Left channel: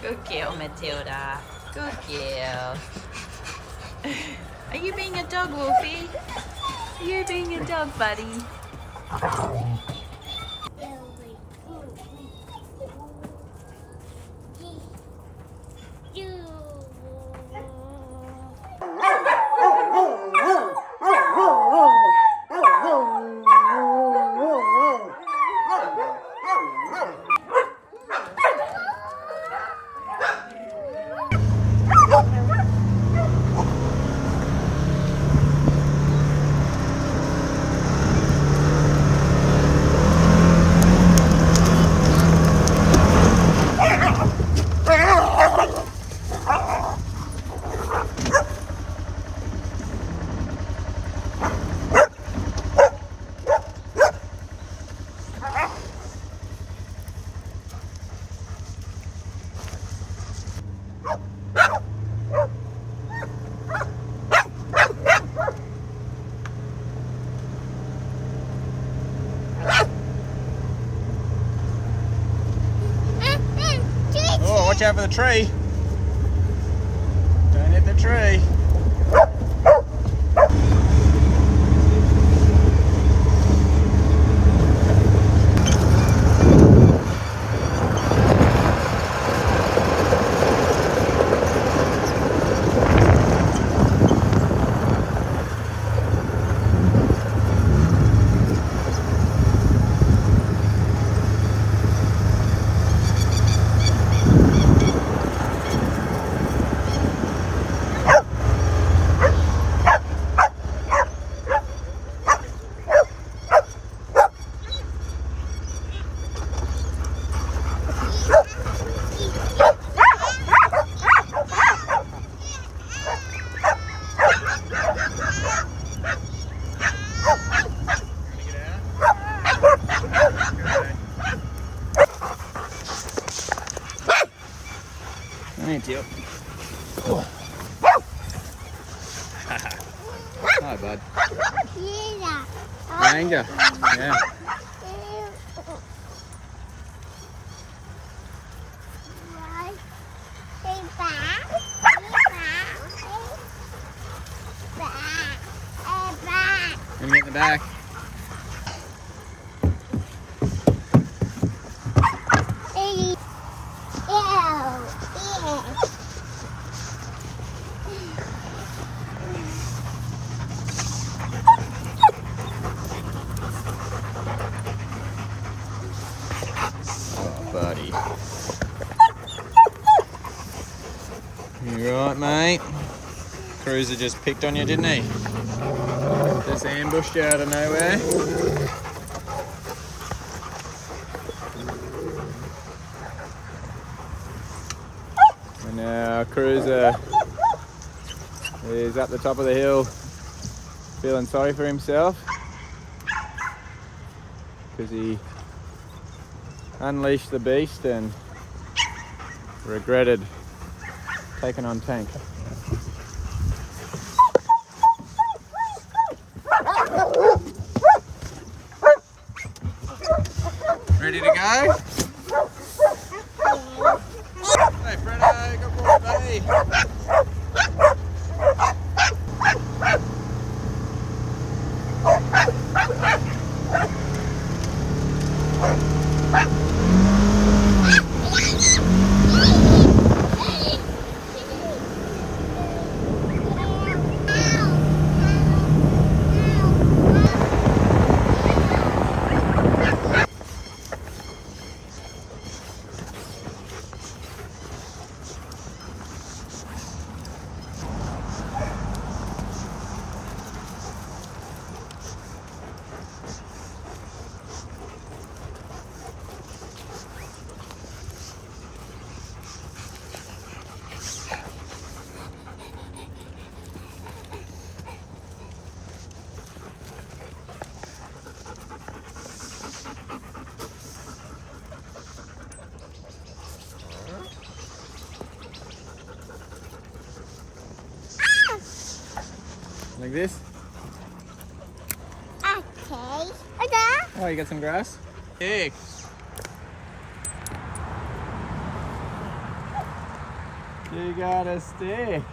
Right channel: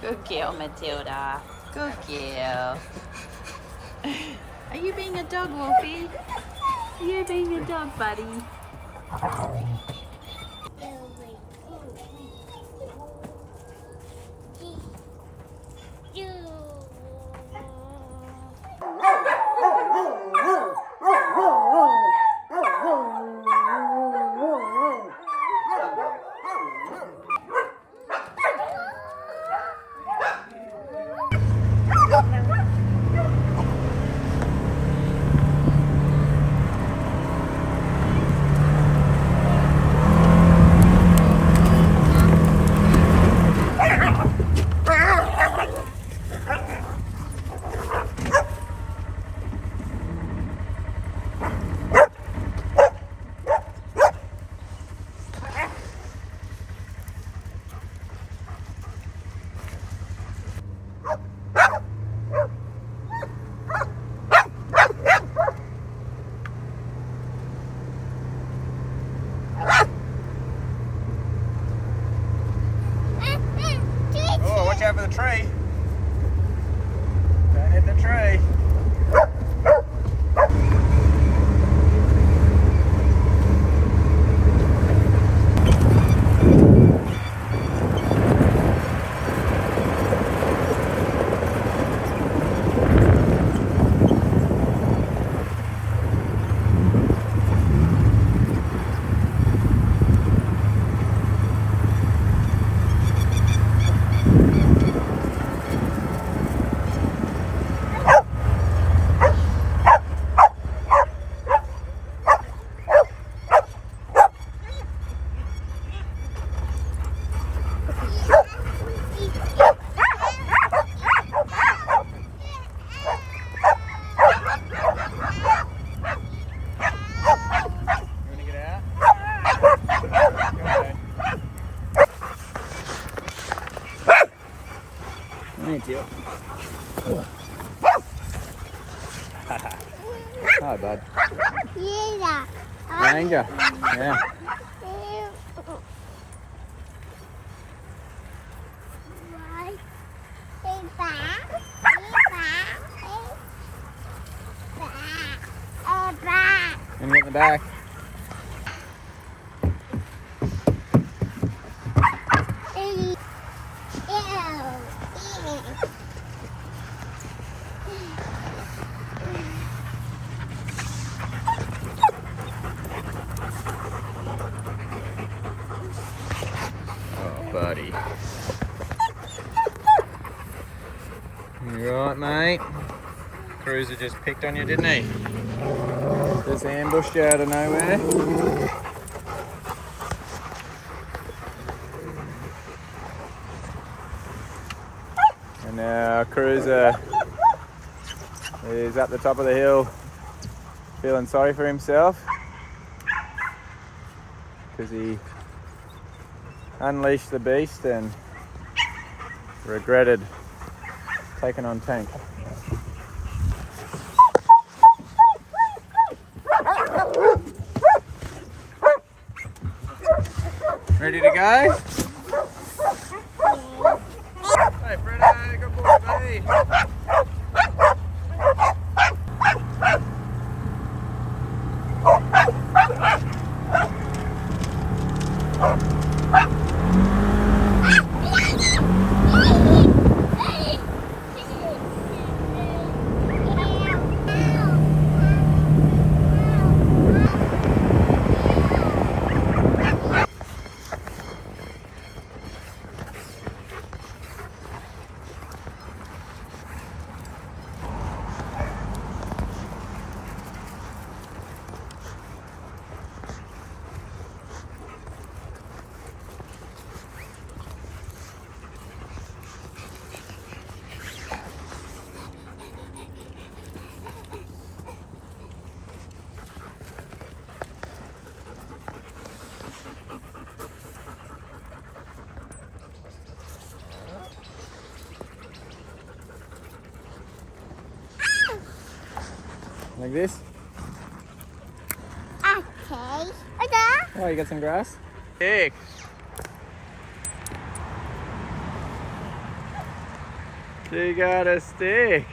Good girl, Matilda. Good girl. Are you being a dog, Wolfie? Are you being a dog, buddy? Watch out for the tree. Don't hit the tree. Thank you. Hi, bud. Ranger. Yeah. And in the back. Oh, buddy. You right, mate? Cruiser just picked on you, didn't he? Just ambushed you out of nowhere. And now Cruiser is up the top of the hill feeling sorry for himself because he unleashed the beast and regretted taking on Tank. Ready to go? Hey Fredo, good boy, buddy. Like this? Okay. Oh, you got some grass? Hey. You got a stick.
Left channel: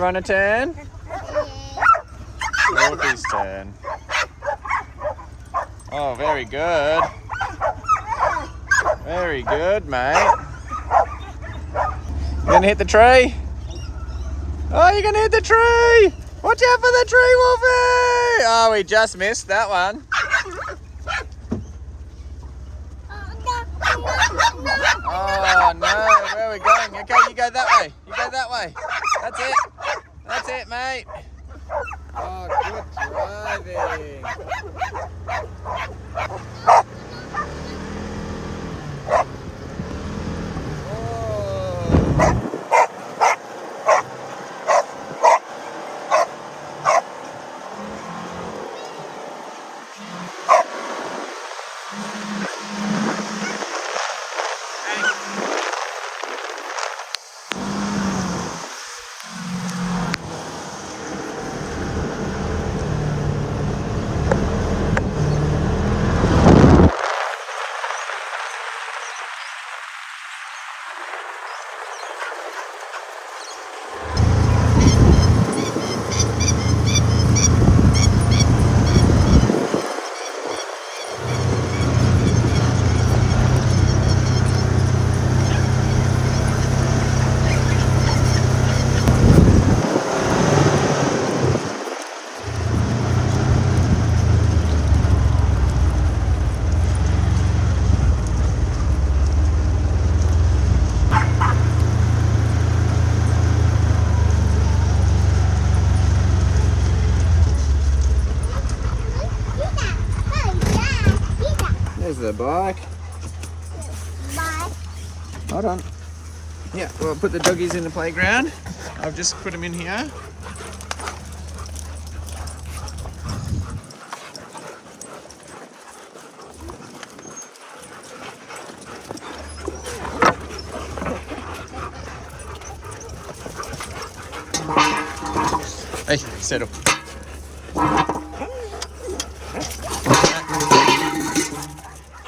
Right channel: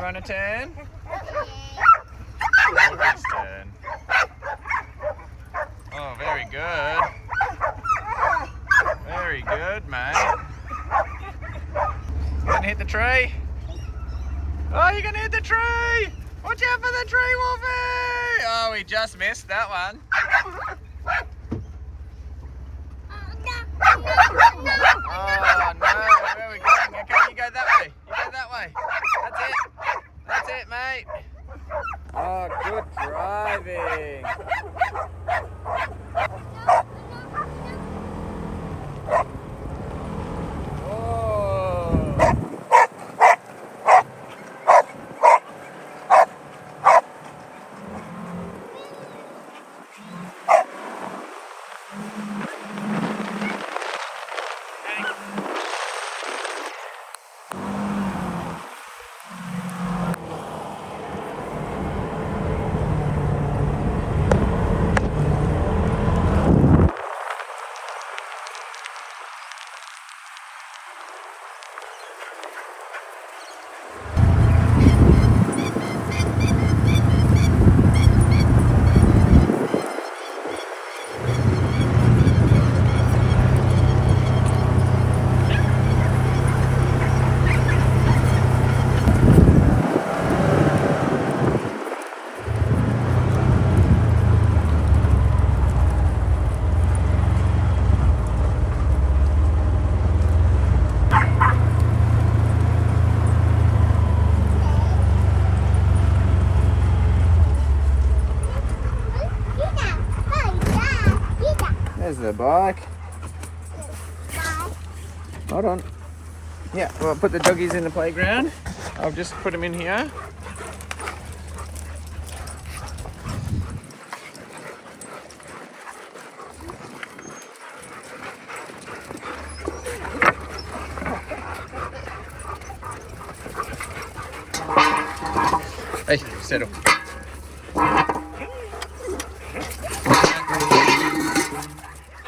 Want to turn? Wolfie's turn. Oh, very good. Very good, mate. You gonna hit the tree? Oh, you're gonna hit the tree! Watch out for the tree, Wolfie! Oh, we just missed that one. Oh no, where are we going? Okay, you go that way. You go that way. That's it. That's it, mate. Oh, good driving. There's the bike. Hold on. Yeah, well, put the doggies in the playground. I'll just put them in here. Hey, settle.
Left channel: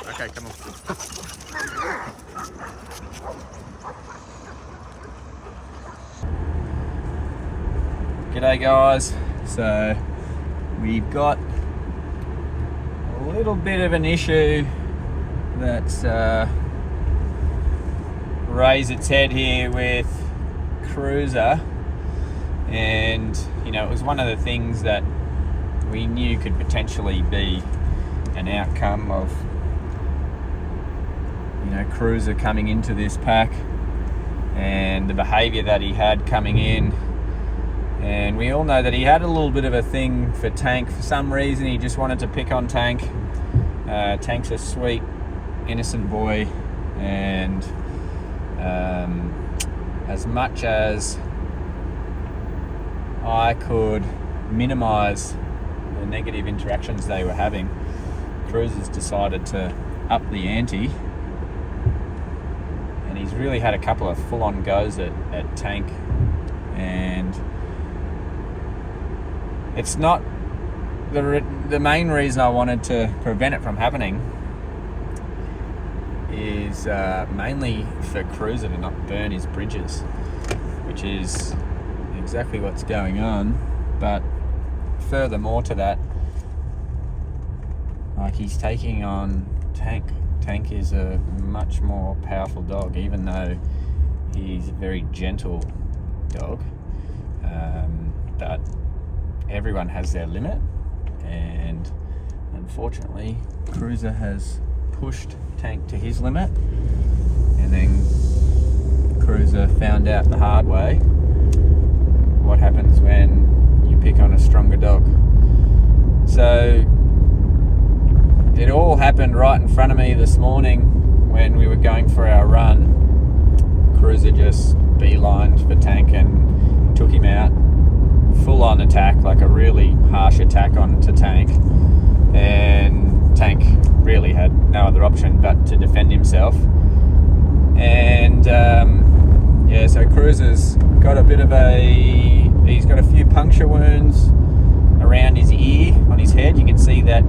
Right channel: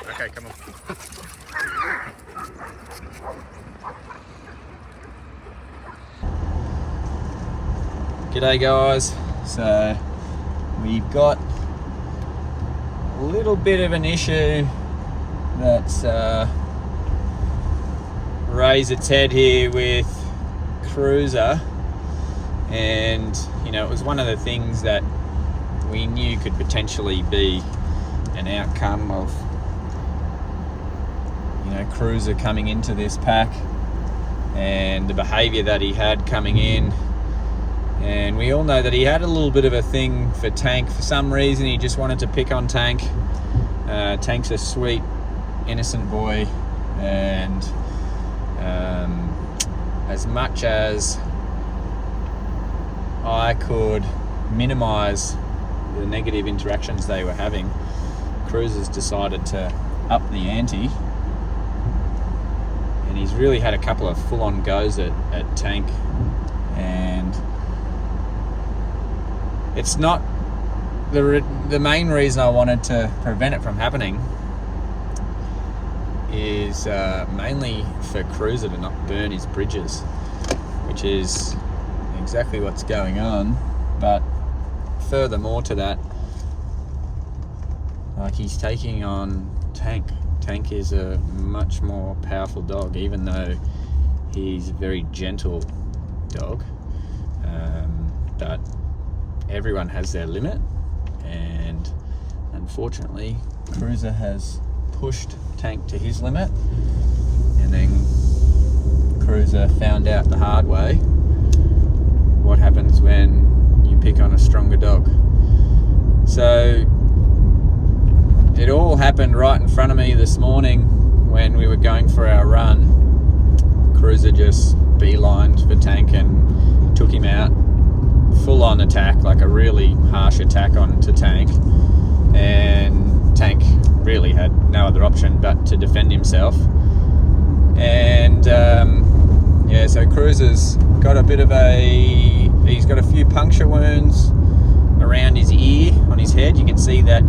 Okay, come on. G'day guys. So we've got a little bit of an issue that's raised its head here with Cruiser, and you know, it was one of the things that we knew could potentially be an outcome of, you know, Cruiser coming into this pack and the behaviour that he had coming in. And we all know that he had a little bit of a thing for Tank. For some reason he just wanted to pick on Tank. Tank's a sweet, innocent boy, and as much as I could minimise the negative interactions they were having, Cruiser's decided to up the ante, and he's really had a couple of full-on goes at Tank. And it's not the main reason I wanted to prevent it from happening is mainly for Cruiser to not burn his bridges, which is exactly what's going on. But furthermore to that, like, he's taking on Tank. Tank is a much more powerful dog, even though he's a very gentle dog. But everyone has their limit, and unfortunately Cruiser has pushed Tank to his limit, and then Cruiser found out the hard way what happens when you pick on a stronger dog. So it all happened right in front of me this morning when we were going for our run. Cruiser just beelined for Tank and took him out, full on attack, like a really harsh attack onto Tank, and Tank really had no other option but to defend himself. And so Cruiser's got he's got a few puncture wounds around his ear on his head. You can see that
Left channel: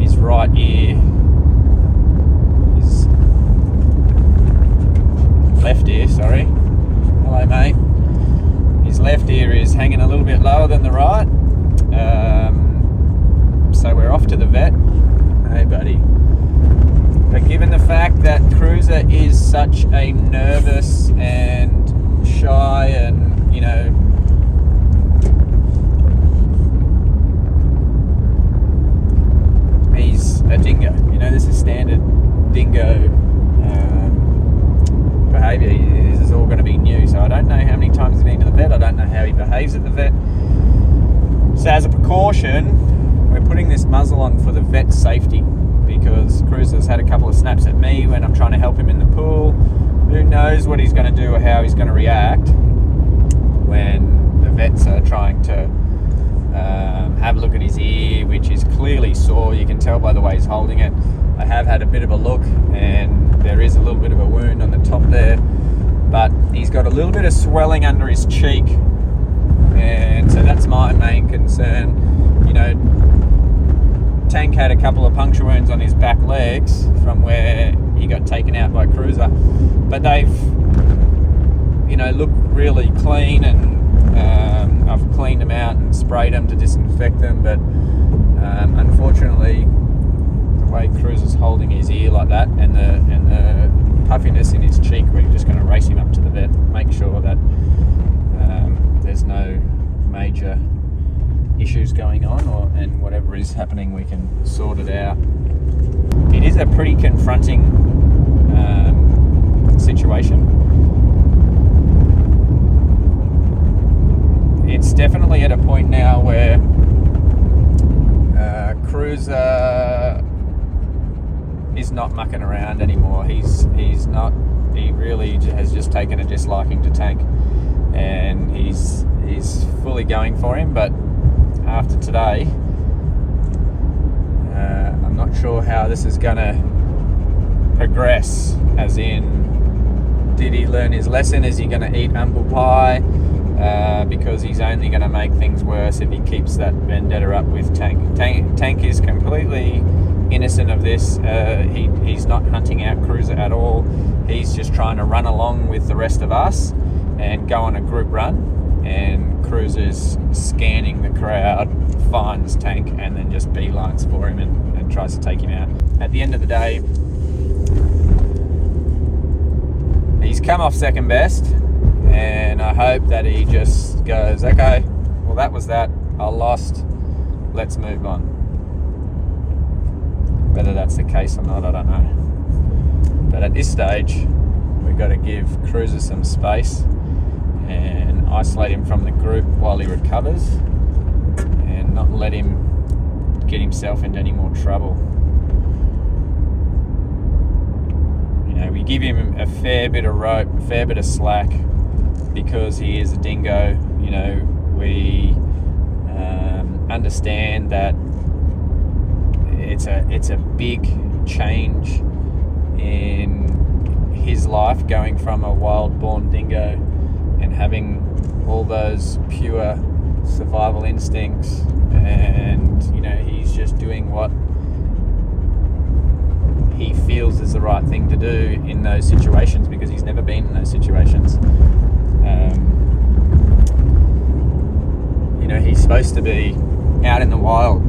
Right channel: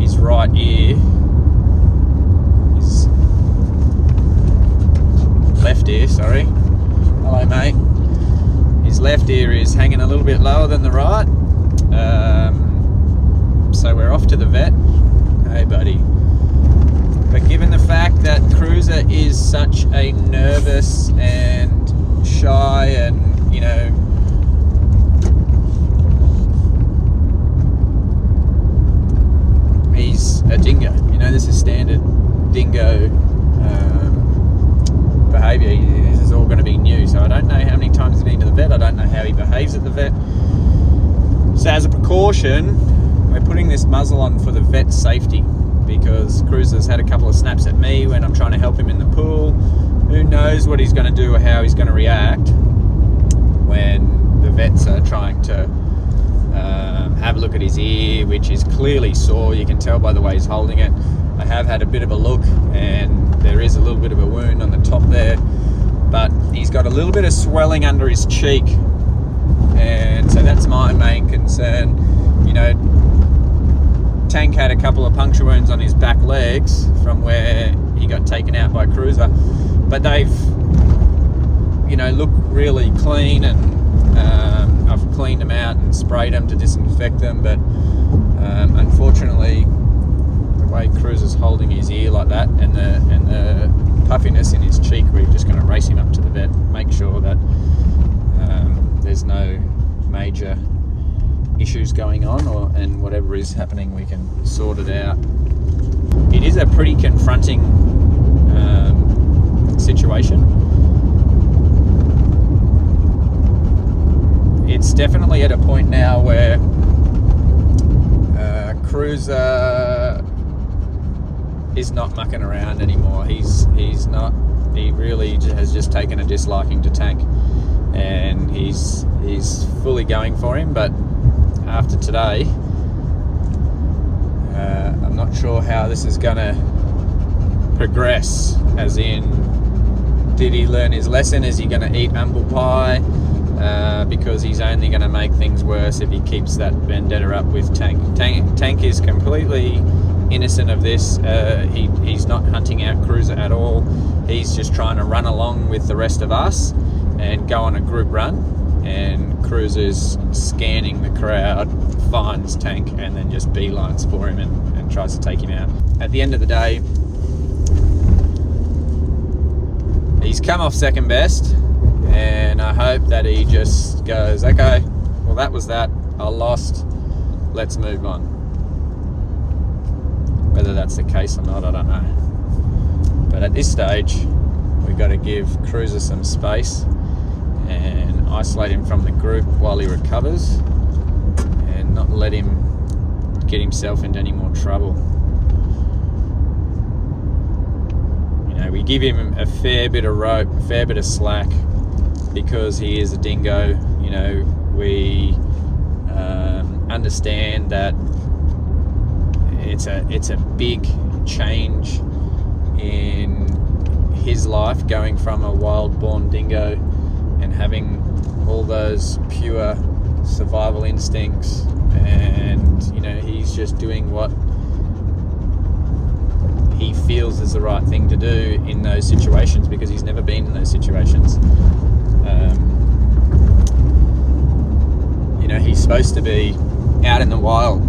his right ear, his left ear, sorry. Hello, mate. His left ear is hanging a little bit lower than the right. So we're off to the vet. Hey, buddy. But given the fact that Cruiser is such a nervous and shy and, you know, he's a dingo. You know, this is standard dingo behaviour. This is all going to be new. So I don't know how many times he's been to the vet. I don't know how he behaves at the vet. So as a precaution, we're putting this muzzle on for the vet's safety, because Cruiser's had a couple of snaps at me when I'm trying to help him in the pool. Who knows what he's going to do or how he's going to react when the vets are trying to have a look at his ear, which is clearly sore. You can tell by the way he's holding it. I have had a bit of a look, and there is a little bit of a wound on the top there, but he's got a little bit of swelling under his cheek, and so that's my main concern. You know, Tank had a couple of puncture wounds on his back legs from where he got taken out by Cruiser, but they've, you know, look really clean, and I've cleaned them out and sprayed them to disinfect them. But unfortunately, the way Cruiser's holding his ear like that, and the puffiness in his cheek, we're just going to race him up to the vet, make sure that there's no major issues going on, and whatever is happening, we can sort it out. It is a pretty confronting situation. It's definitely at a point now where Cruiser is not mucking around anymore. He's not. He really has just taken a disliking to Tank, and he's fully going for him. But after today, I'm not sure how this is going to progress. As in, did he learn his lesson? Is he going to eat humble pie? Because he's only going to make things worse if he keeps that vendetta up with Tank. Tank is completely innocent of this. He's not hunting out Cruiser at all. He's just trying to run along with the rest of us and go on a group run. And Cruiser's scanning the crowd, finds Tank, and then just beelines for him and tries to take him out. At the end of the day, he's come off second best. And I hope that he just goes, okay, well, that was that. I lost. Let's move on. Whether that's the case or not, I don't know. But at this stage, we've got to give Cruiser some space and isolate him from the group while he recovers, and not let him get himself into any more trouble. You know, we give him a fair bit of rope, a fair bit of slack, because he is a dingo. You know, we understand that it's a big change in his life, going from a wild-born dingo and having all those pure survival instincts, and you know, he's just doing what he feels is the right thing to do in those situations, because he's never been in those situations. You know, he's supposed to be out in the wild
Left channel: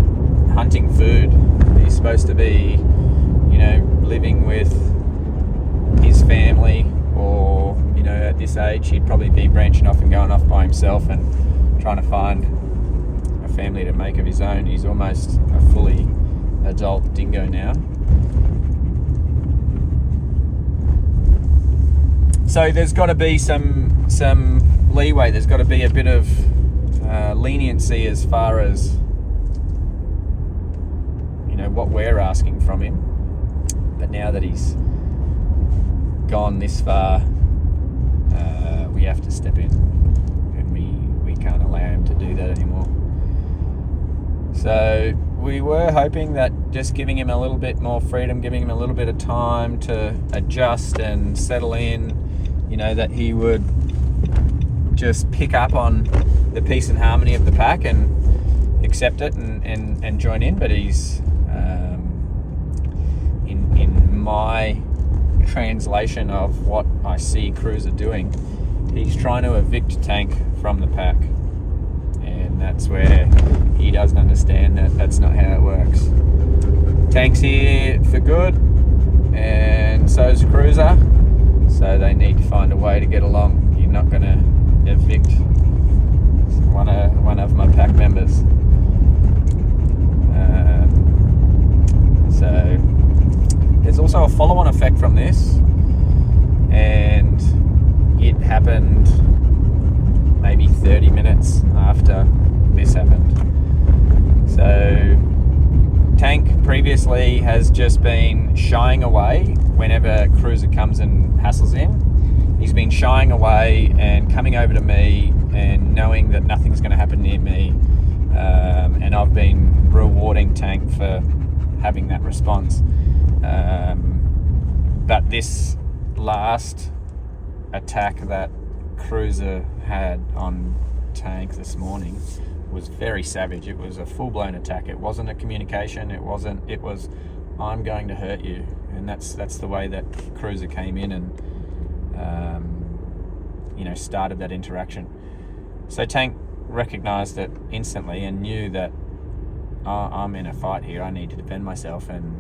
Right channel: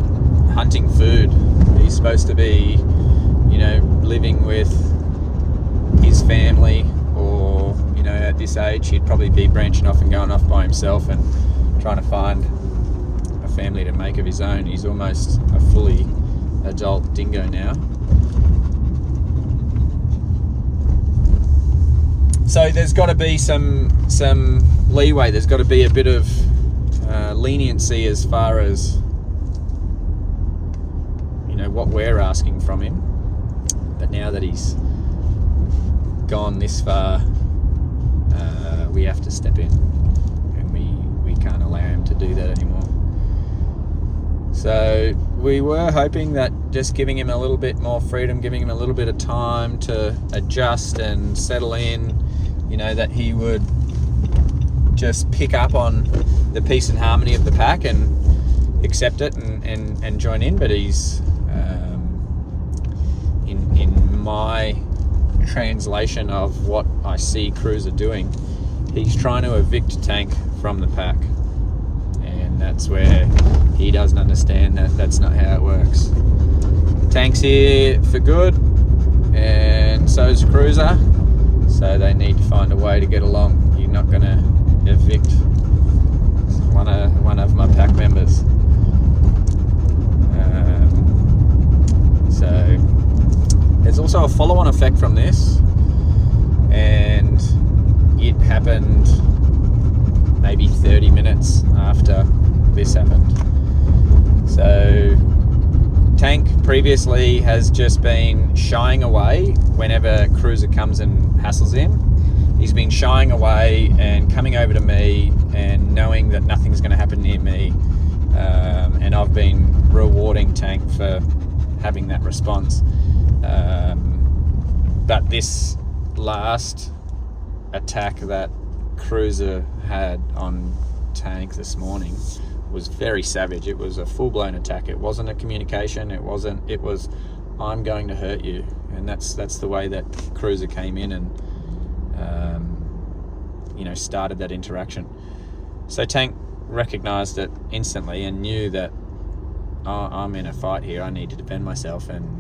hunting food. He's supposed to be, you know, living with his family, or, you know, at this age he'd probably be branching off and going off by himself and trying to find a family to make of his own. He's almost a fully adult dingo now. So there's got to be some leeway. There's got to be a bit of leniency as far as, you know, what we're asking from him. But now that he's gone this far, we have to step in, and we can't allow him to do that anymore. So we were hoping that just giving him a little bit more freedom, giving him a little bit of time to adjust and settle in, you know, that he would just pick up on the peace and harmony of the pack and accept it and join in. But he's in my translation of what I see Cruiser doing, he's trying to evict Tank from the pack, and that's where he doesn't understand that that's not how it works. Tank's here for good, and so's Cruiser, so they need to find a way to get along. You're not going to evict one of my pack members. So there's also a follow-on effect from this, and it happened maybe 30 minutes after this happened. So Tank previously has just been shying away whenever Cruiser comes and hassles him. He's been shying away and coming over to me and knowing that nothing's going to happen near me, and I've been rewarding Tank for having that response. But this last attack that Cruiser had on Tank this morning was very savage. It was a full-blown attack. It wasn't a communication. It was I'm going to hurt you, and that's the way that Cruiser came in and started that interaction. So Tank recognized it instantly and knew that I'm in a fight here. I need to defend myself, and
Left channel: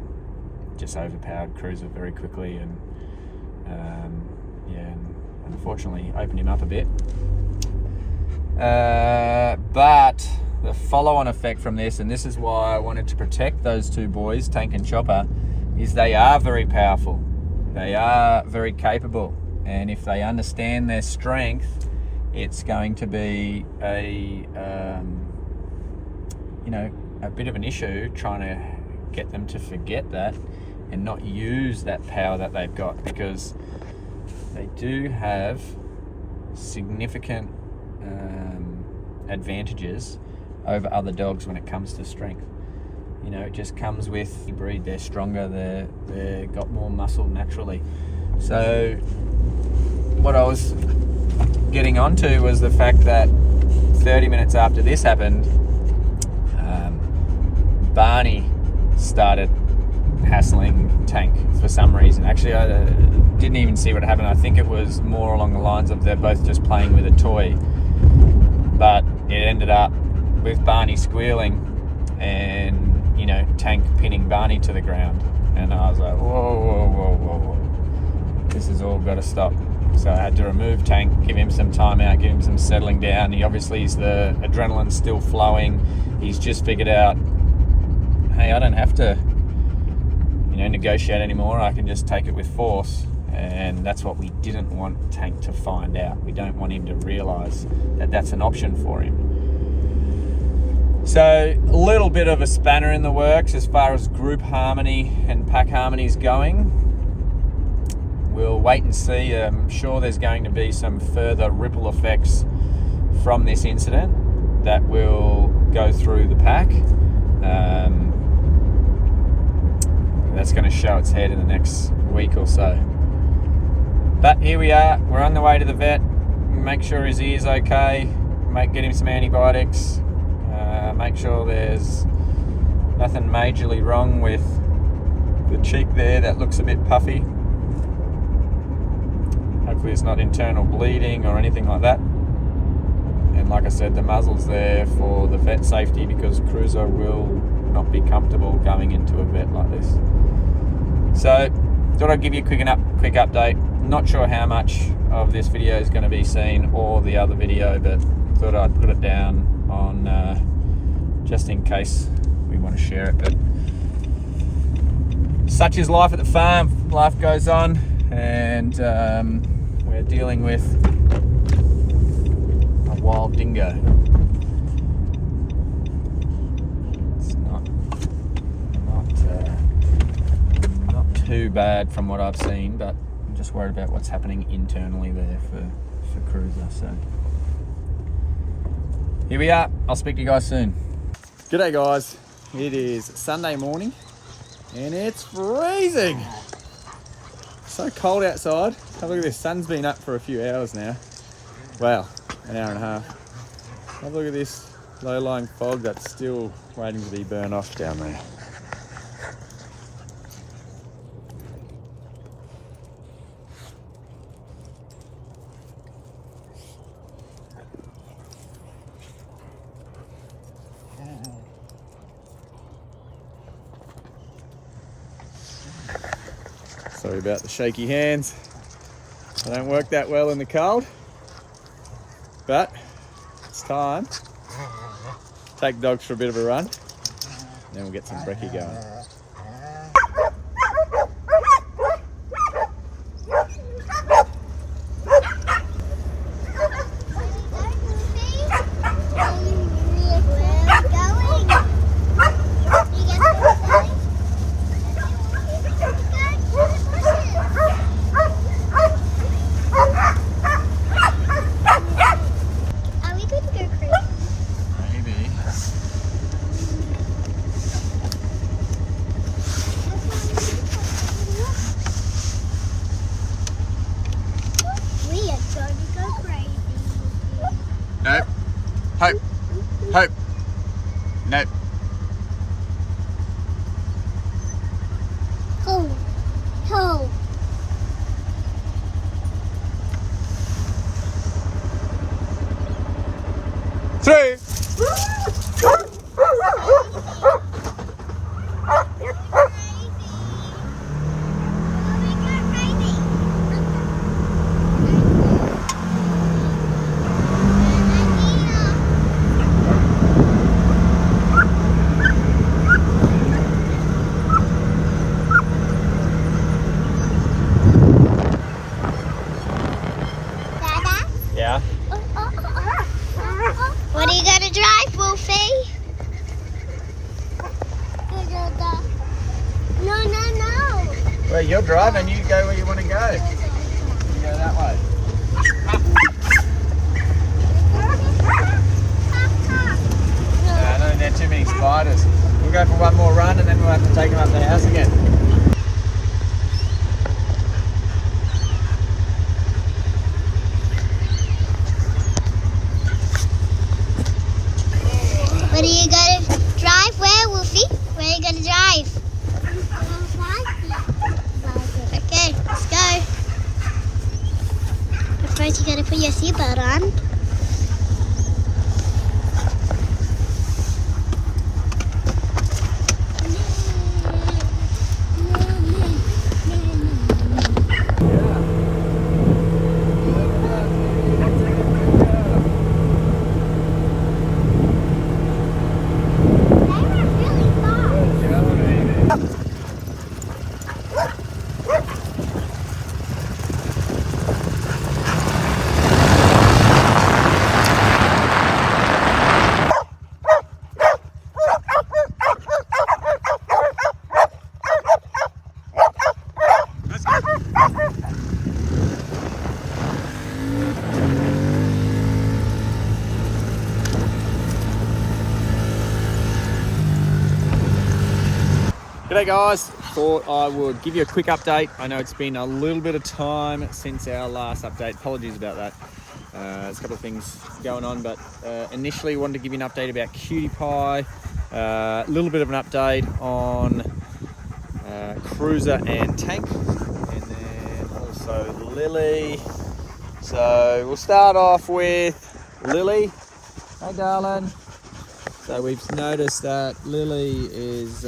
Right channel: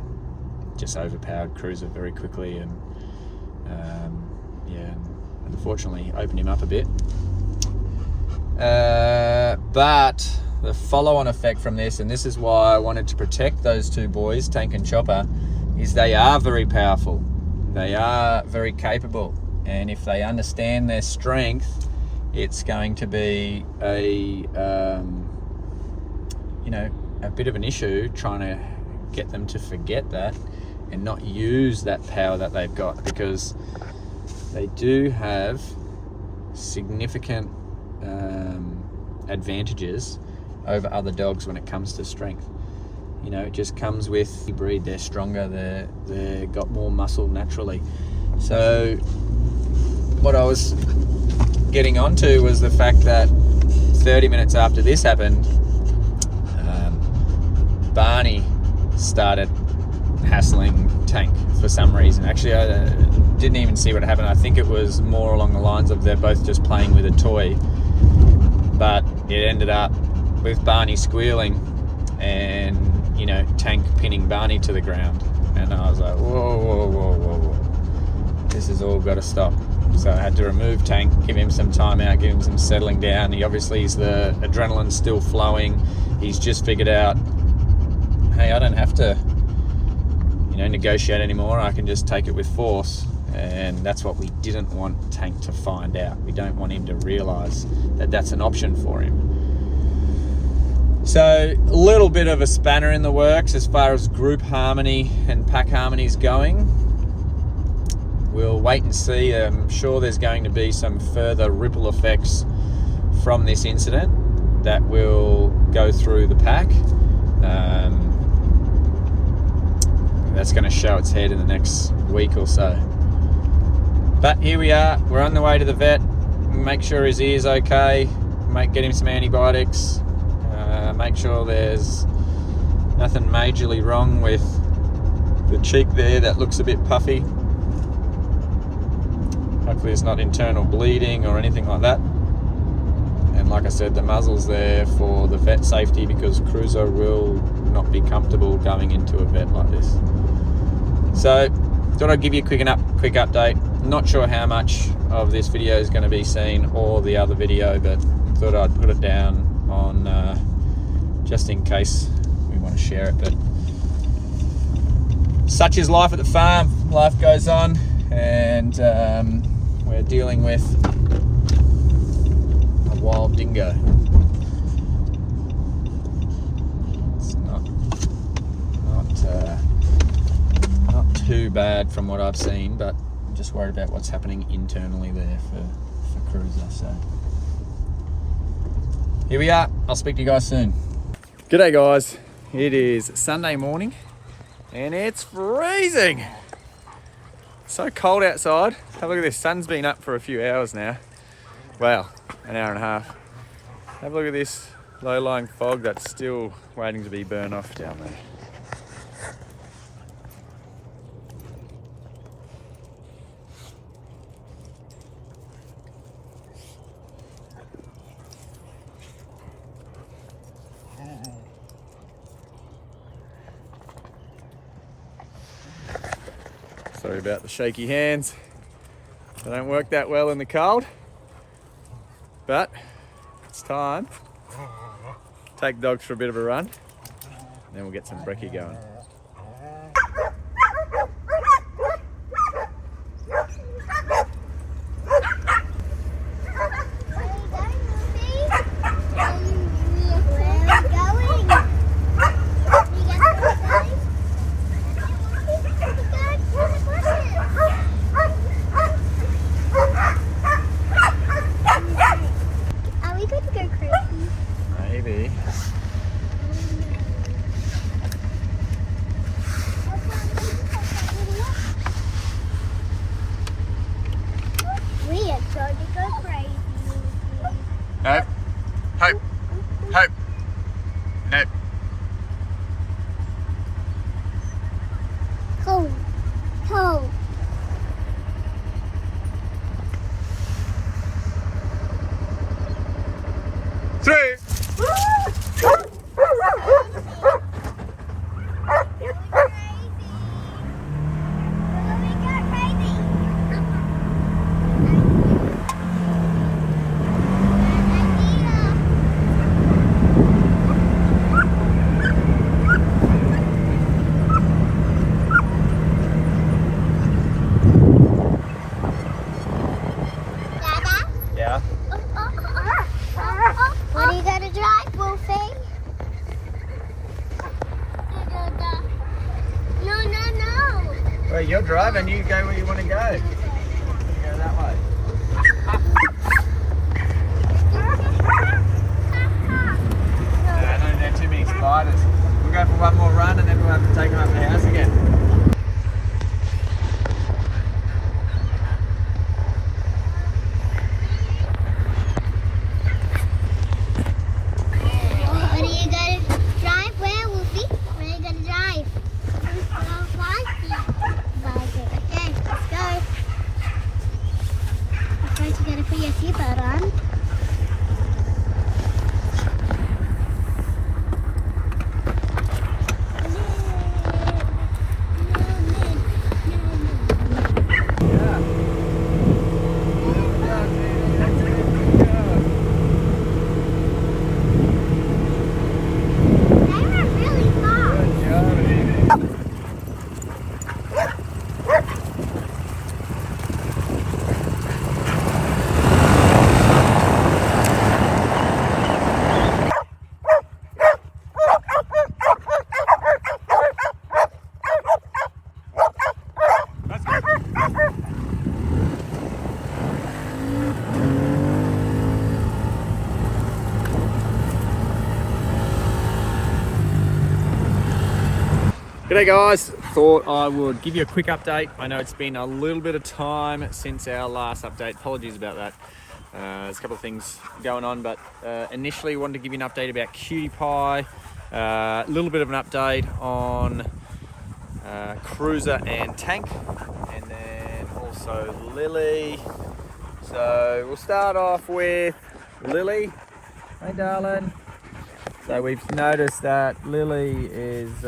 just overpowered Cruiser very quickly, and and unfortunately opened him up a bit. But the follow-on effect from this, and this is why I wanted to protect those two boys, Tank and Chopper, is they are very powerful. They are very capable, and if they understand their strength, it's going to be a bit of an issue trying to get them to forget that and not use that power that they've got, because they do have significant advantages over other dogs when it comes to strength. It just comes with the breed. They're stronger, they're got more muscle naturally. So what I was getting onto was the fact that 30 minutes after this happened, Barney started hassling Tank for some reason. Actually, I didn't even see what happened. I think it was more along the lines of they're both just playing with a toy, but it ended up with Barney squealing and Tank pinning Barney to the ground, and I was like, whoa, this has all got to stop. So I had to remove Tank, give him some time out, give him some settling down. He obviously is, the adrenaline's still flowing. He's just figured out, hey, I don't have to negotiate anymore. I can just take it with force. And that's what we didn't want Tank to find out. We don't want him to realize that that's an option for him. So a little bit of a spanner in the works as far as group harmony and pack harmony is going. We'll wait and see. I'm sure there's going to be some further ripple effects from this incident that will go through the pack. That's going to show its head in the next week or so. But here we are. We're on the way to the vet. Make sure his ear's okay. Get him some antibiotics. Make sure there's nothing majorly wrong with the cheek there that looks a bit puffy. Hopefully it's not internal bleeding or anything like that. And like I said, the muzzle's there for the vet safety, because Cruiser will not be comfortable going into a vet like this. So thought I'd give you a quick update. Not sure how much of this video is going to be seen or the other video, but thought I'd put it down on just in case we want to share it. But such is life at the farm. Life goes on, and we're dealing with a wild dingo. It's not too bad from what I've seen, but just worried about what's happening internally there for Cruiser. So here we are. I'll speak to you guys soon. G'day guys. It is Sunday morning and it's freezing. So cold outside. Have a look at this. Sun's been up for a few hours now. Wow, an hour and a half. Have a look at this low-lying fog that's still waiting to be burned off down there. Sorry about the shaky hands. They don't work that well in the cold, but it's time. Take dogs for a bit of a run, and then we'll get some brekkie going. No. Hope. Hope. No. Cold. Cold. Three. Yeah. What are you gonna drive, Wolfie? No. Well, you're driving. You go where you want to go. You go that way. I don't have too many spiders. We'll go for one more run and then we'll have to take them up to the house again. What are you gonna drive? Where, Wolfie? Where are you gonna drive? Okay, let's go. First, you gotta put your seatbelt on. G'day guys, thought I would give you a quick update. I know it's been a little bit of time since our last update. Apologies about that. There's a couple of things going on, but initially wanted to give you an update about Cutie Pie, a little bit of an update on Cruiser and Tank, and then also Lily. So we'll start off with Lily. Hey darling. So we've noticed that Lily is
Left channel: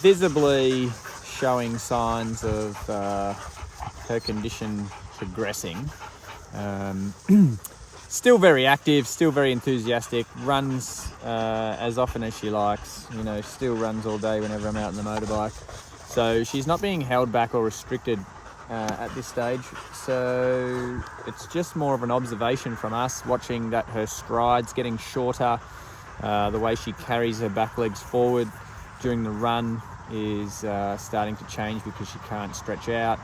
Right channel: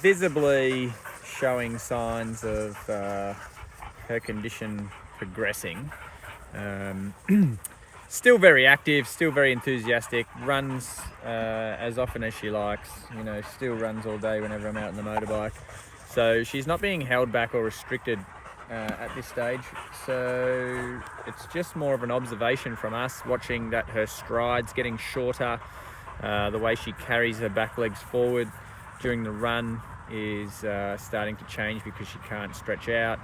visibly showing signs of her condition progressing. Still very active, still very enthusiastic, runs as often as she likes, you know, still runs all day whenever I'm out on the motorbike. So she's not being held back or restricted at this stage. So it's just more of an observation from us, watching that her stride's getting shorter, the way she carries her back legs forward during the run is starting to change because she can't stretch out.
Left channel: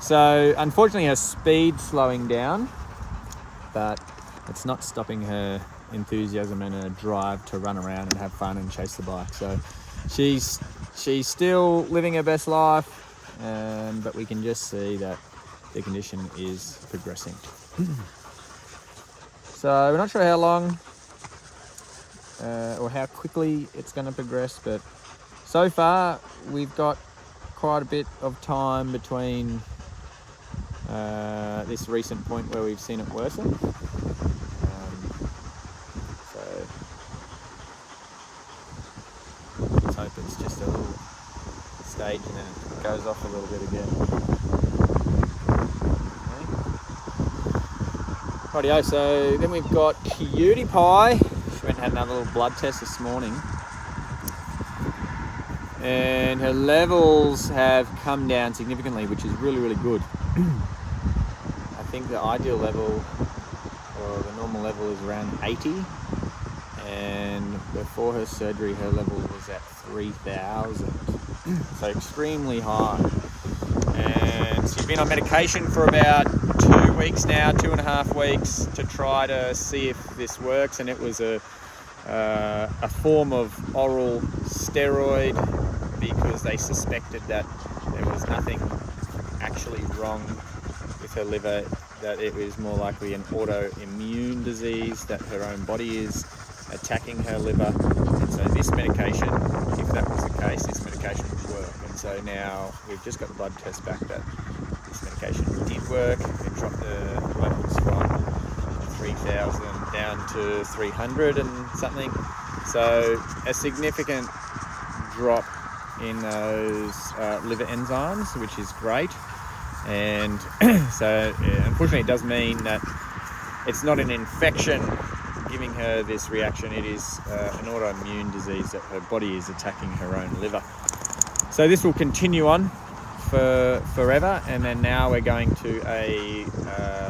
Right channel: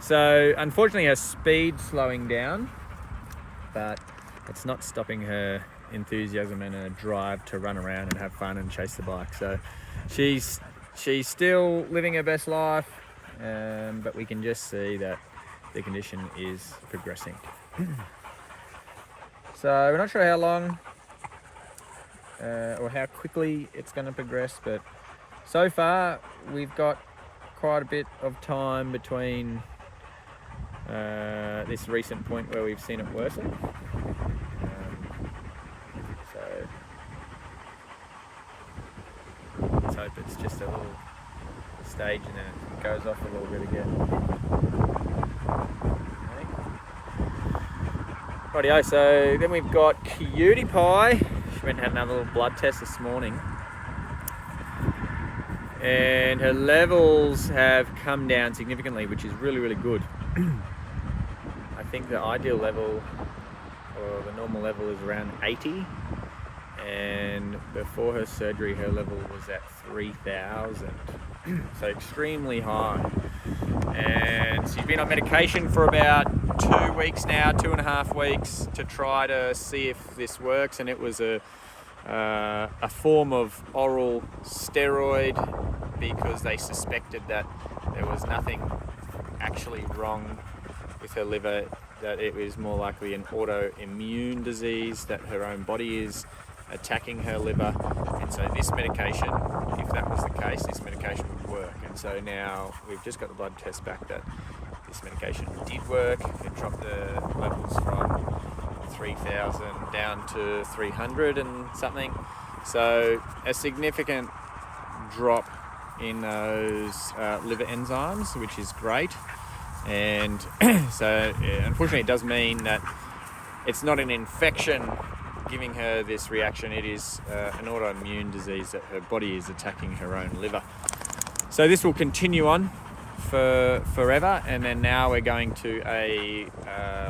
So unfortunately her speed's slowing down, but it's not stopping her enthusiasm and her drive to run around and have fun and chase the bike. So she's still living her best life, but we can just see that the condition is progressing. So we're not sure how long or how quickly it's going to progress, but so far we've got quite a bit of time between this recent point where we've seen it worsen. So let's hope it's just a little stage and then it goes off a little bit again. Okay. Rightio, so then we've got Cutie Pie. She went and had another little blood test this morning, and her levels have come down significantly, which is really, really good. I think the ideal level, or the normal level, is around 80, and before her surgery her level was at 3,000, so extremely high. And she's been on medication for about 2 weeks now, 2.5 weeks, to try to see if this works, and it was a form of oral steroid because they suspected that there was nothing actually wrong with her liver, that it was more likely an autoimmune disease, that her own body is attacking her liver. And so this medication, if that was the case, this medication would work. And so now we've just got the blood test back that this medication did work. It dropped the levels from 3,000 down to 300 and something. So a significant drop in those liver enzymes, which is great. And so unfortunately it does mean that it's not an infection giving her this reaction, it is an autoimmune disease that her body is attacking her own liver. So this will continue on for forever, and then now we're going to a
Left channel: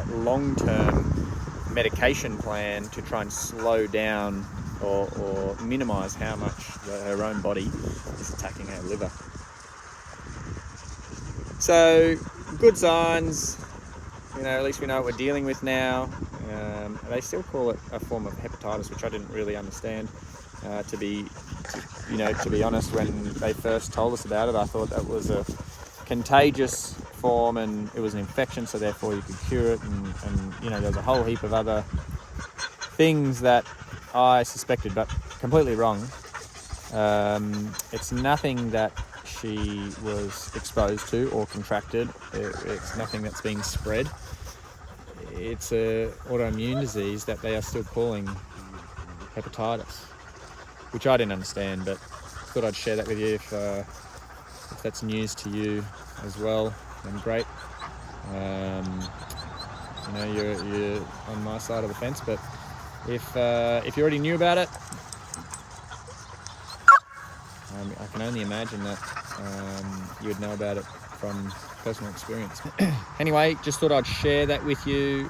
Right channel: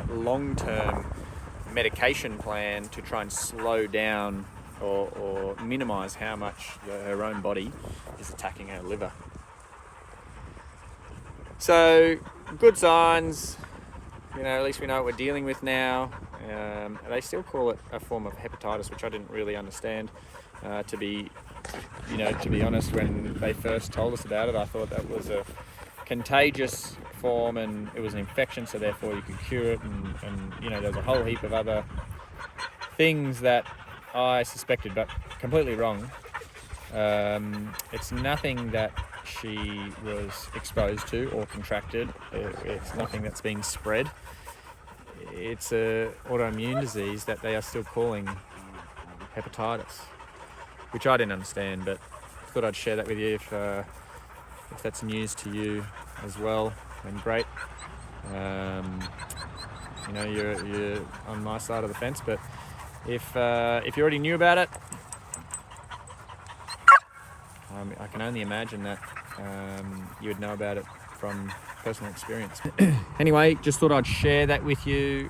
long-term medication plan to try and slow down or minimize how much her own body is attacking her liver. So good signs, at least we know what we're dealing with now. They still call it a form of hepatitis, which I didn't really understand. To be honest, when they first told us about it, I thought that was a contagious form and it was an infection, so therefore you could cure it. And there's a whole heap of other things that I suspected, but completely wrong. It's nothing that she was exposed to or contracted. It's nothing that's being spread. It's an autoimmune disease that they are still calling hepatitis, which I didn't understand, but thought I'd share that with you. If that's news to you as well, then great. You're on my side of the fence, but if you already knew about it, I can only imagine that you would know about it from personal experience. Anyway, just thought I'd share that with you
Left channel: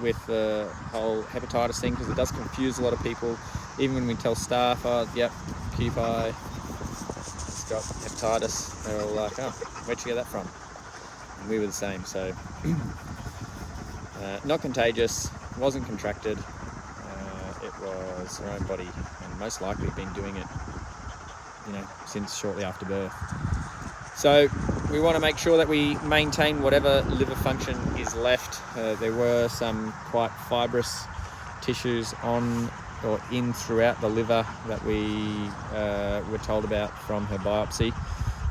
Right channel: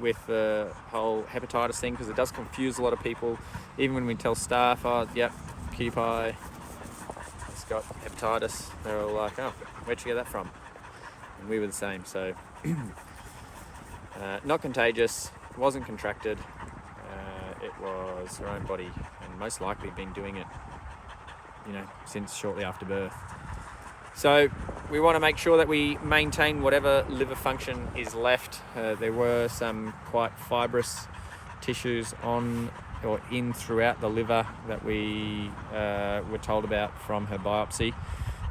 with the whole hepatitis thing, because it does confuse a lot of people. Even when we tell staff, oh, yep, Cutie Pie has got hepatitis, they're all like, oh, where'd you get that from? And we were the same. So not contagious, wasn't contracted, it was her own body, and most likely been doing it since shortly after birth. So we want to make sure that we maintain whatever liver function is left. There were some quite fibrous tissues on or in throughout the liver that we were told about from her biopsy,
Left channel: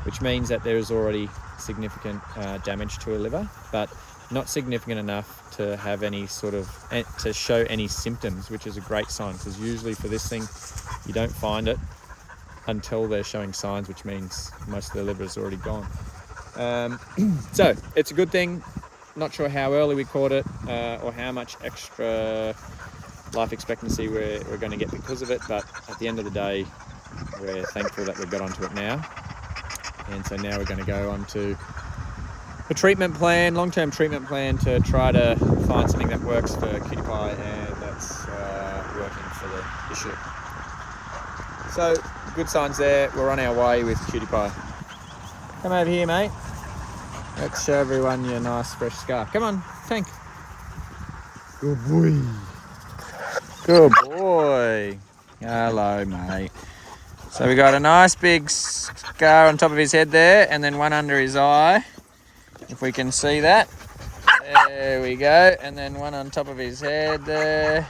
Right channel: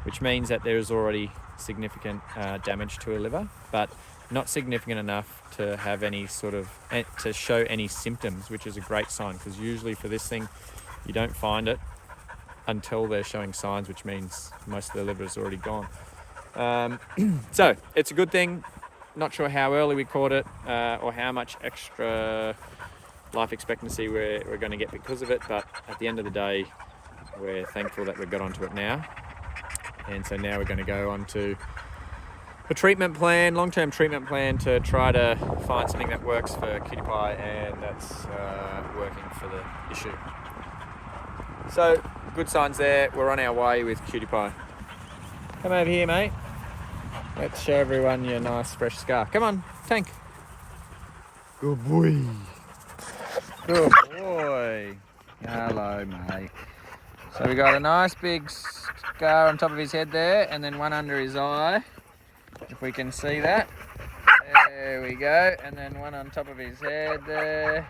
which means that there is already significant damage to her liver, but not significant enough to have any to show any symptoms, which is a great sign, because usually for this thing you don't find it until they're showing signs, which means most of the liver is already gone. So it's a good thing. Not sure how early we caught it or how much extra life expectancy we're going to get because of it, but at the end of the day, we're thankful that we've got onto it now. And so now we're going to go on to a treatment plan, long-term treatment plan, to try to find something that works for Cutie Pie and that's working for the issue. So good signs there. We're on our way with Cutie Pie. Come over here, mate. Let's show everyone your nice fresh scar. Come on, Tank. Good boy. Good boy. Hello, mate. So we got a nice big scar on top of his head there, and then one under his eye, if we can see that. There we go. And then one on top of his head there,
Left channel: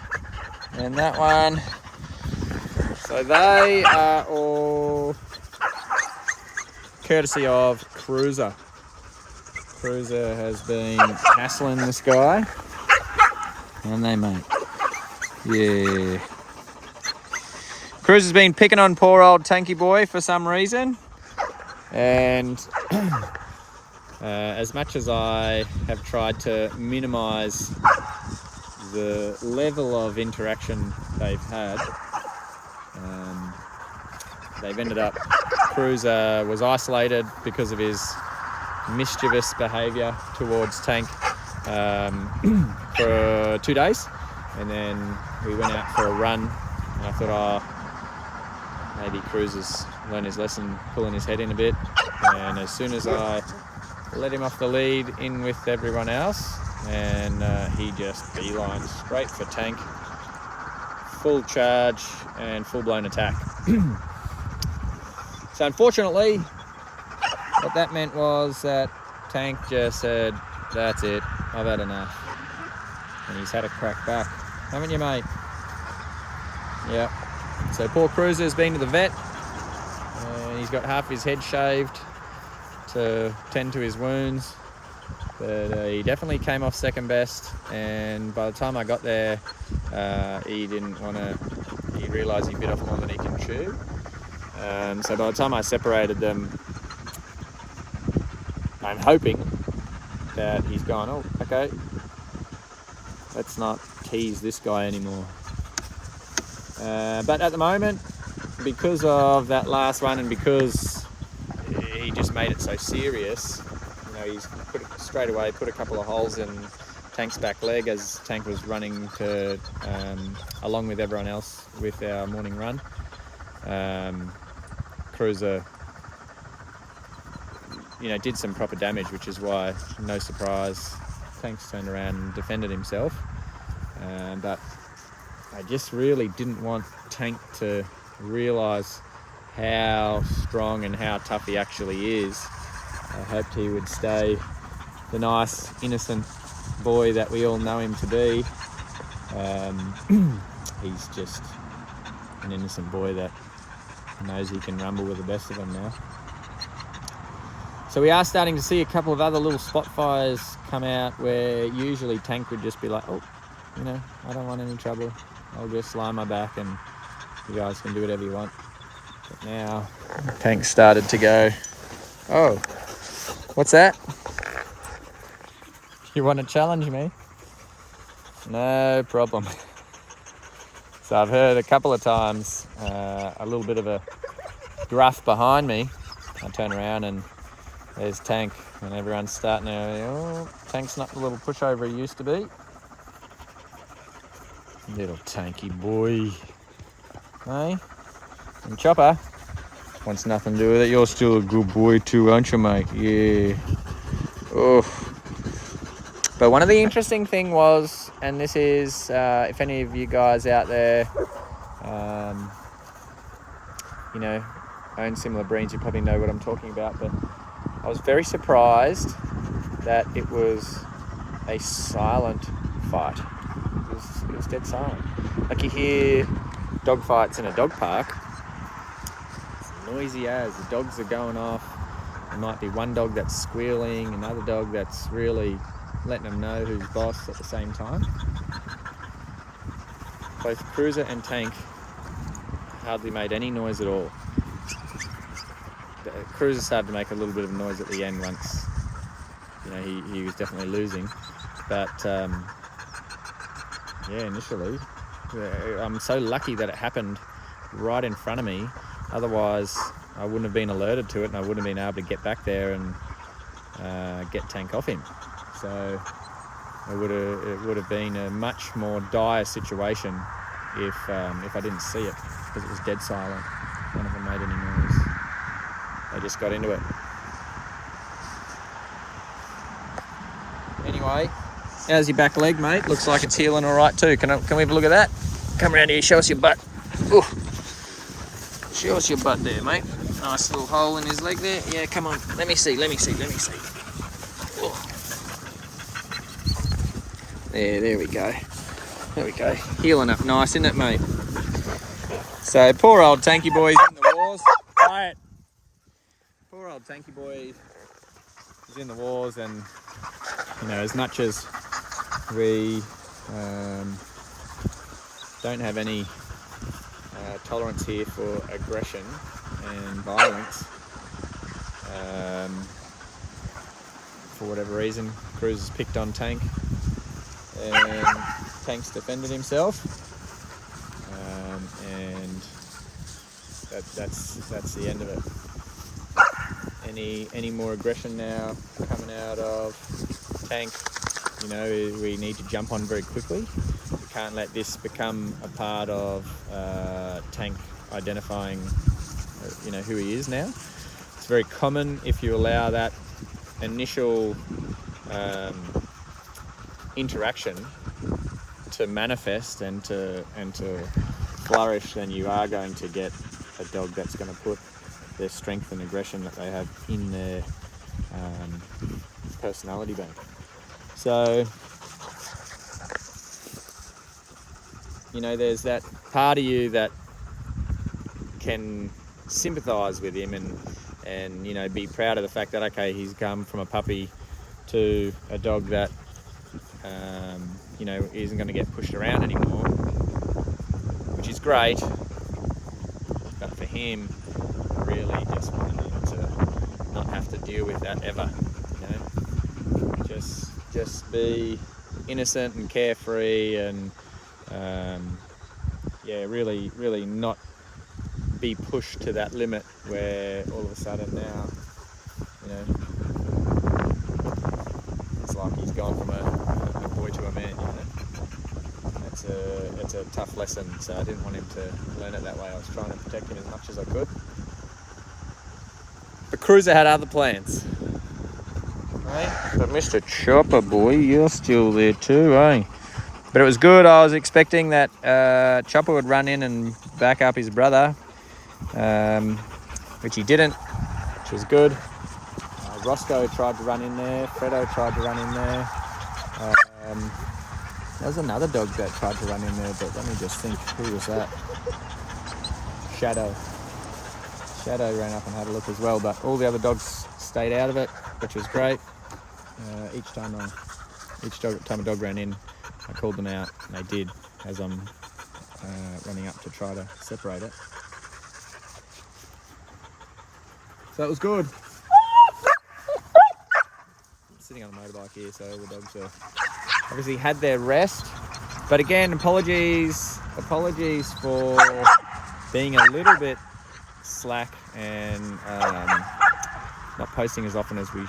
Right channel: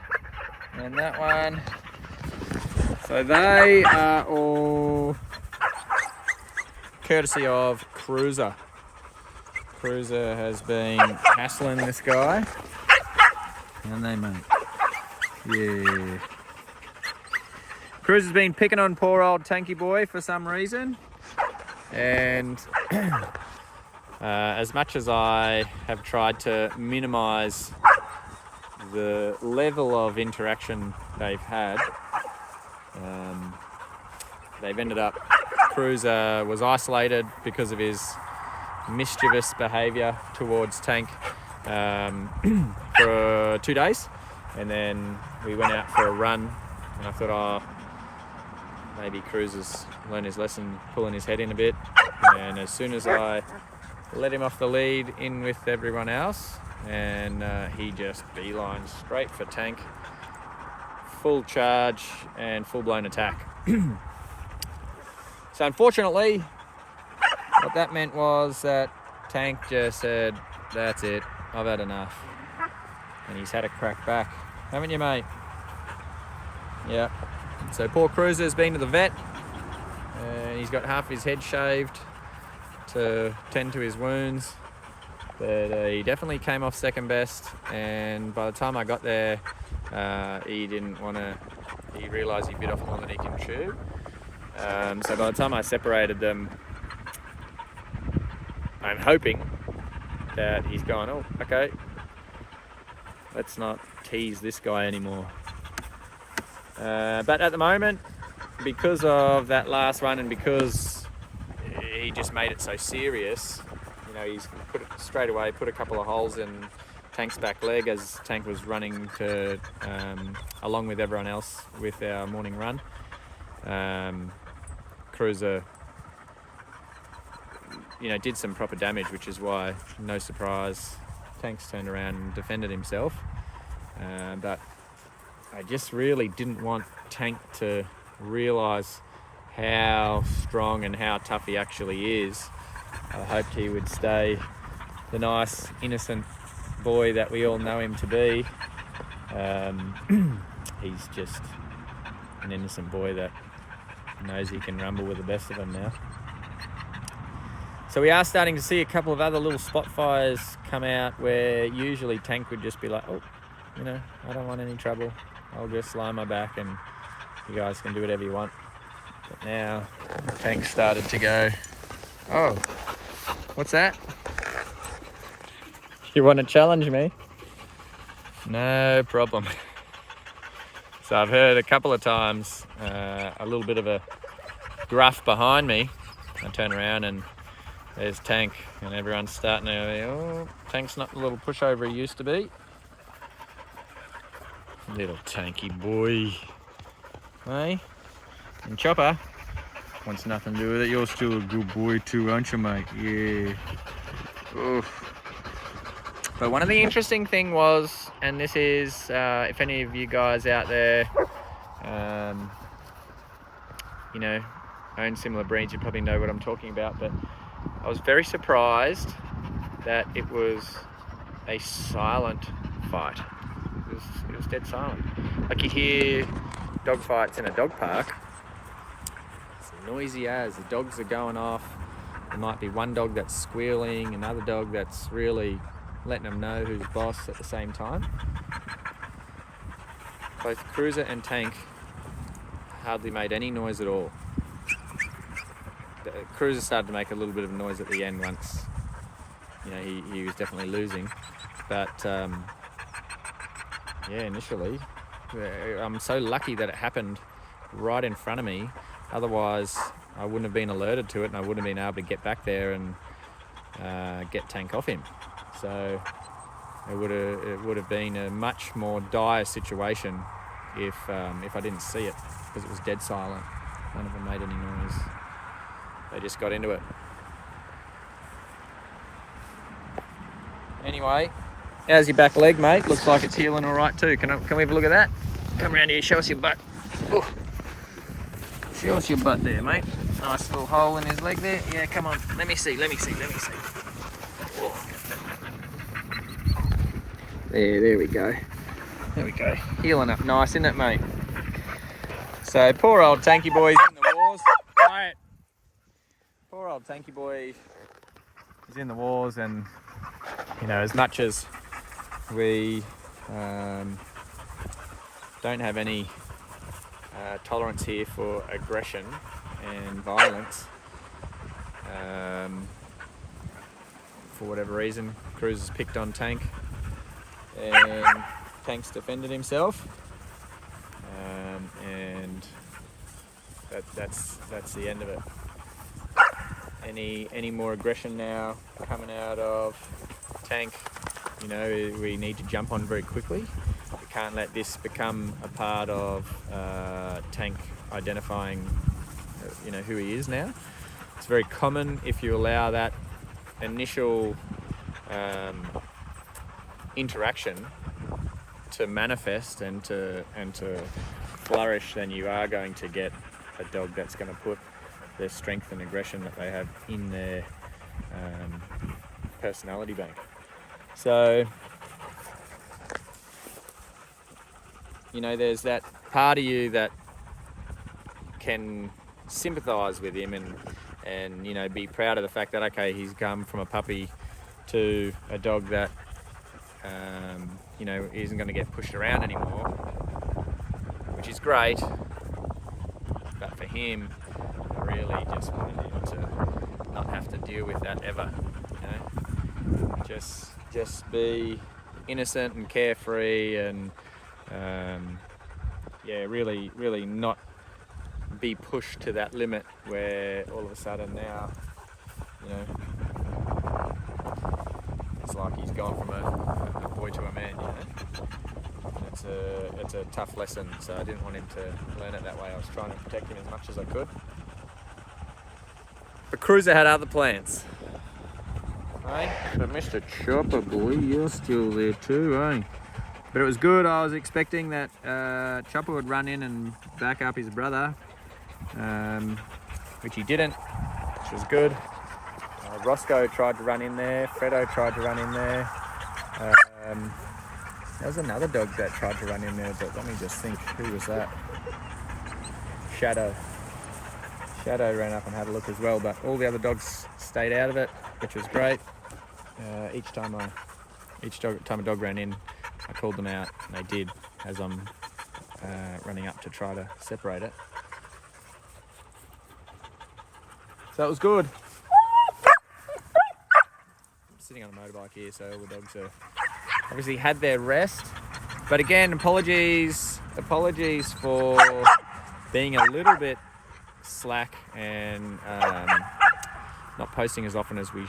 and that one. So they are all courtesy of Cruiser. Cruiser has been hassling this guy, and they mate. Yeah. Cruiser's been picking on poor old Tanky boy for some reason, and as much as I have tried to minimise the level of interaction they've had, they've ended up, Cruiser was isolated because of his mischievous behaviour towards Tank for 2 days, and then we went out for a run, and I thought, maybe Cruiser's learned his lesson, pulling his head in a bit, and as soon as I let him off the lead in with everyone else, and he just beelines straight for Tank, full charge and full-blown attack. So unfortunately, what that meant was that Tank just said, that's it, I've had enough. And he's had a crack back. Haven't you, mate? Yeah. So poor Cruiser's been to the vet, and he's got half his head shaved to tend to his wounds. But he definitely came off second best, and by the time I got there, he realised he bit off more than he can chew. So by the time I separated them, I'm hoping that he's gone, oh, okay, let's not tease this guy anymore. But at the moment, because of that last one, and because he just made it so serious, he's put a couple of holes in Tank's back leg as Tank was running to, along with everyone else with our morning run. Cruiser, did some proper damage, which is why, no surprise, Tank's turned around and defended himself. But I just really didn't want Tank to realise how strong and how tough he actually is. I hoped he would stay the nice, innocent boy that we all know him to be. He's just an innocent boy that knows he can rumble with the best of them now. So we are starting to see a couple of other little spot fires come out where usually Tank would just be like, oh, I don't want any trouble. I'll just lie on my back and you guys can do whatever you want. But now Tank started to go, oh, what's that? You want to challenge me? No problem. So I've heard a couple of times a little bit of a gruff behind me. I turn around and there's Tank, and everyone's starting to, oh, Tank's not the little pushover he used to be. Little Tanky boy. Hey? And Chopper wants nothing to do with it. You're still a good boy too, aren't you, mate? Yeah. Oh. But one of the interesting thing was, and this is, if any of you guys out there, own similar breeds, you probably know what I'm talking about, but I was very surprised that it was a silent fight. It was dead silent. Like you hear dog fights in a dog park, it's noisy as, the dogs are going off. There might be one dog that's squealing, another dog that's really letting them know who's boss at the same time. Both Cruiser and Tank hardly made any noise at all. The Cruiser started to make a little bit of noise at the end once. He was definitely losing. But initially, I'm so lucky that it happened right in front of me. Otherwise, I wouldn't have been alerted to it, and I wouldn't have been able to get back there and get Tank off him. So it would have been a much more dire situation if I didn't see it, because it was dead silent. None of them made any noise. They just got into it. Anyway, how's your back leg, mate? Looks like it's healing all right too. Can we have a look at that? Come around here, show us your butt. Ooh. Show us your butt there, mate. Nice little hole in his leg there. Yeah, come on. Let me see. Oh. There we go. There we go. Healing up nice, isn't it, mate? So poor old Tanky boy's in the wars. Quiet. Poor old Tanky boy is in the wars, and you know, as much as we don't have any tolerance here for aggression and violence, for whatever reason, Cruz has picked on Tank, and Tank's defended himself, and that's the end of it. Any more aggression now coming out of Tank, you know, we need to jump on very quickly. We can't let this become a part of Tank identifying, you know, who he is now. It's very common if you allow that initial interaction to manifest and to flourish, then you are going to get a dog that's going to put their strength and aggression that they have in their personality bank. So, you know, there's that part of you that can sympathise with him and you know, be proud of the fact that, okay, he's come from a puppy to a dog that you know, isn't going to get pushed around anymore, which is great. But for him, I really just wanted him to not have to deal with that ever, you know. Just be innocent and carefree, and yeah, really not be pushed to that limit where all of a sudden now, you know, it's like he's gone from a boy to a man, you know. It's a tough lesson, so I didn't want him to learn it that way. I was trying to protect him as much as I could. But Cruiser had other plans. Right? But Mr. Chopper boy, you're still there too, eh? But it was good. I was expecting that Chopper would run in and back up his brother, which he didn't, which was good. Roscoe tried to run in there. Fredo tried to run in there. There was another dog that tried to run in there, but let me just think, who was that? Shadow. Shadow ran up and had a look as well, but all the other dogs stayed out of it, which was great. Each time a dog ran in, I called them out, and they did, as I'm running up to try to separate it. So it was good. Sitting on a motorbike here, so all the dogs are obviously had their rest. But again, apologies for being a little bit slack and not posting as often as we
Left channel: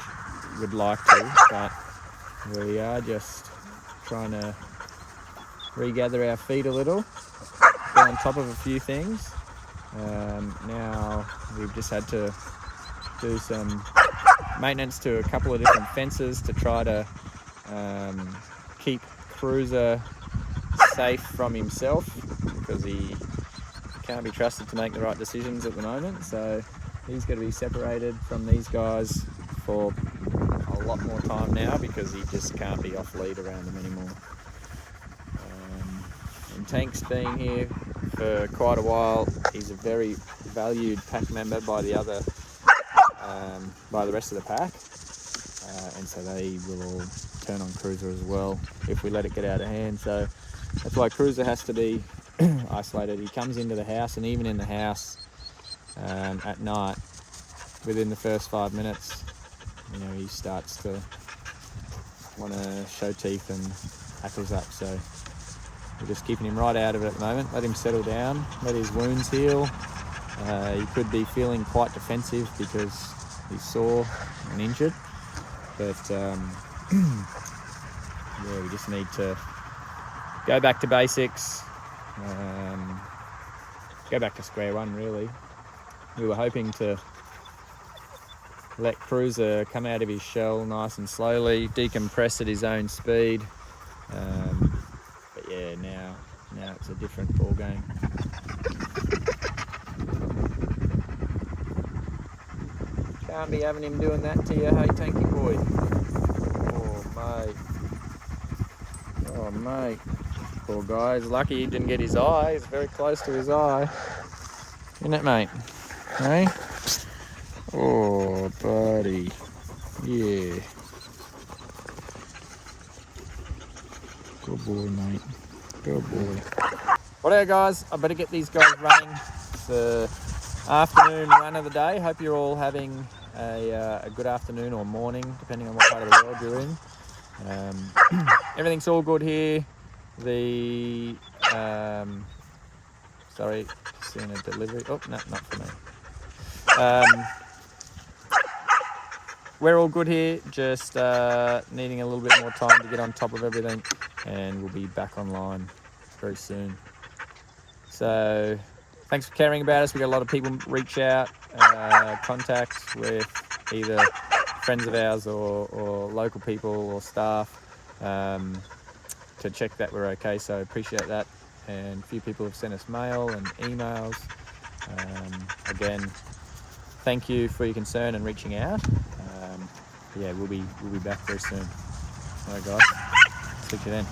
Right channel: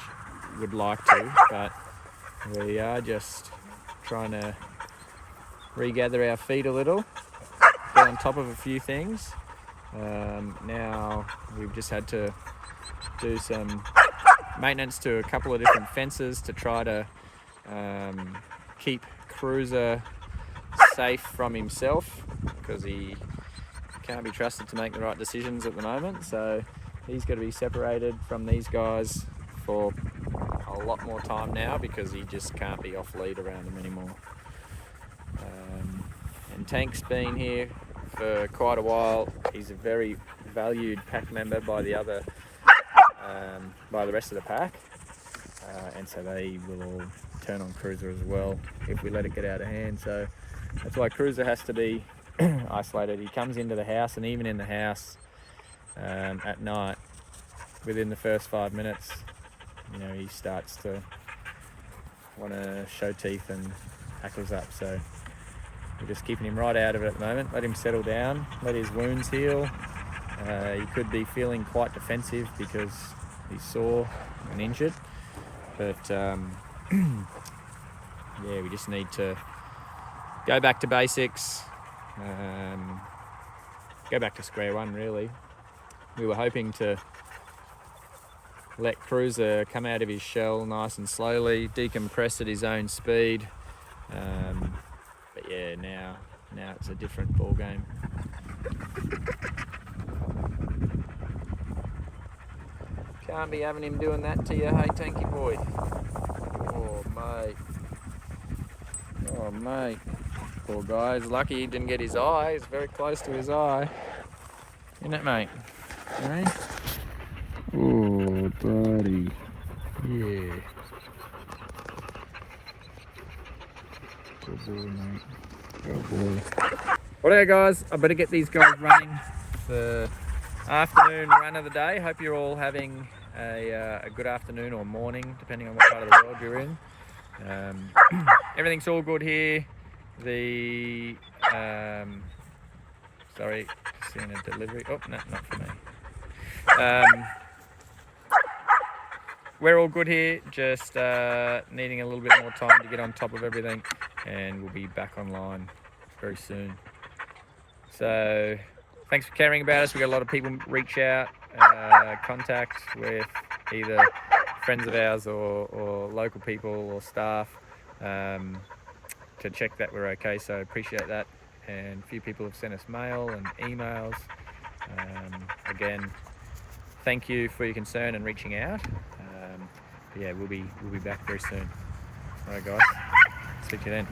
would like to, but we are just trying to regather our feet a little, get on top of a few things. Now we've just had to do some maintenance to a couple of different fences to try to keep Cruiser safe from himself, because he can't be trusted to make the right decisions at the moment. So he's going to be separated from these guys for a lot more time now, because he just can't be off lead around them anymore. And Tank's been here for quite a while. He's a very valued pack member by the other by the rest of the pack, and so they will all turn on Cruiser as well if we let it get out of hand. So that's why Cruiser has to be isolated. He comes into the house, and even in the house at night, within the first 5 minutes, you know, he starts to want to show teeth and hackles up. So we're just keeping him right out of it at the moment. Let him settle down, let his wounds heal. He could be feeling quite defensive because he's sore and injured, but yeah, we just need to go back to basics, go back to square one really, We were hoping to let Cruiser come out of his shell nice and slowly, decompress at his own speed. But yeah, now it's a different ball game. Can't be having him doing that to you, hey Tanky boy. Oh mate. Oh mate. Poor guy, he's lucky he didn't get his eye. He's very close to his eye. Isn't it, mate? Hey? Oh, buddy. Yeah. Good boy, mate. Good boy. Well, guys, I better get these guys running. It's the afternoon run of the day. Hope you're all having a good afternoon or morning, depending on what part of the world you're in. Everything's all good here. Sorry, just seeing a delivery. Oh, no, not for me. We're all good here, just needing a little bit more time to get on top of everything, and we'll be back online very soon. So thanks for caring about us. We got a lot of people reach out, contact with either friends of ours or local people or staff to check that we're okay, so appreciate that. And a few people have sent us mail and emails. Again, thank you for your concern and reaching out. Yeah, we'll be back very soon. All right, guys. Speak to you then.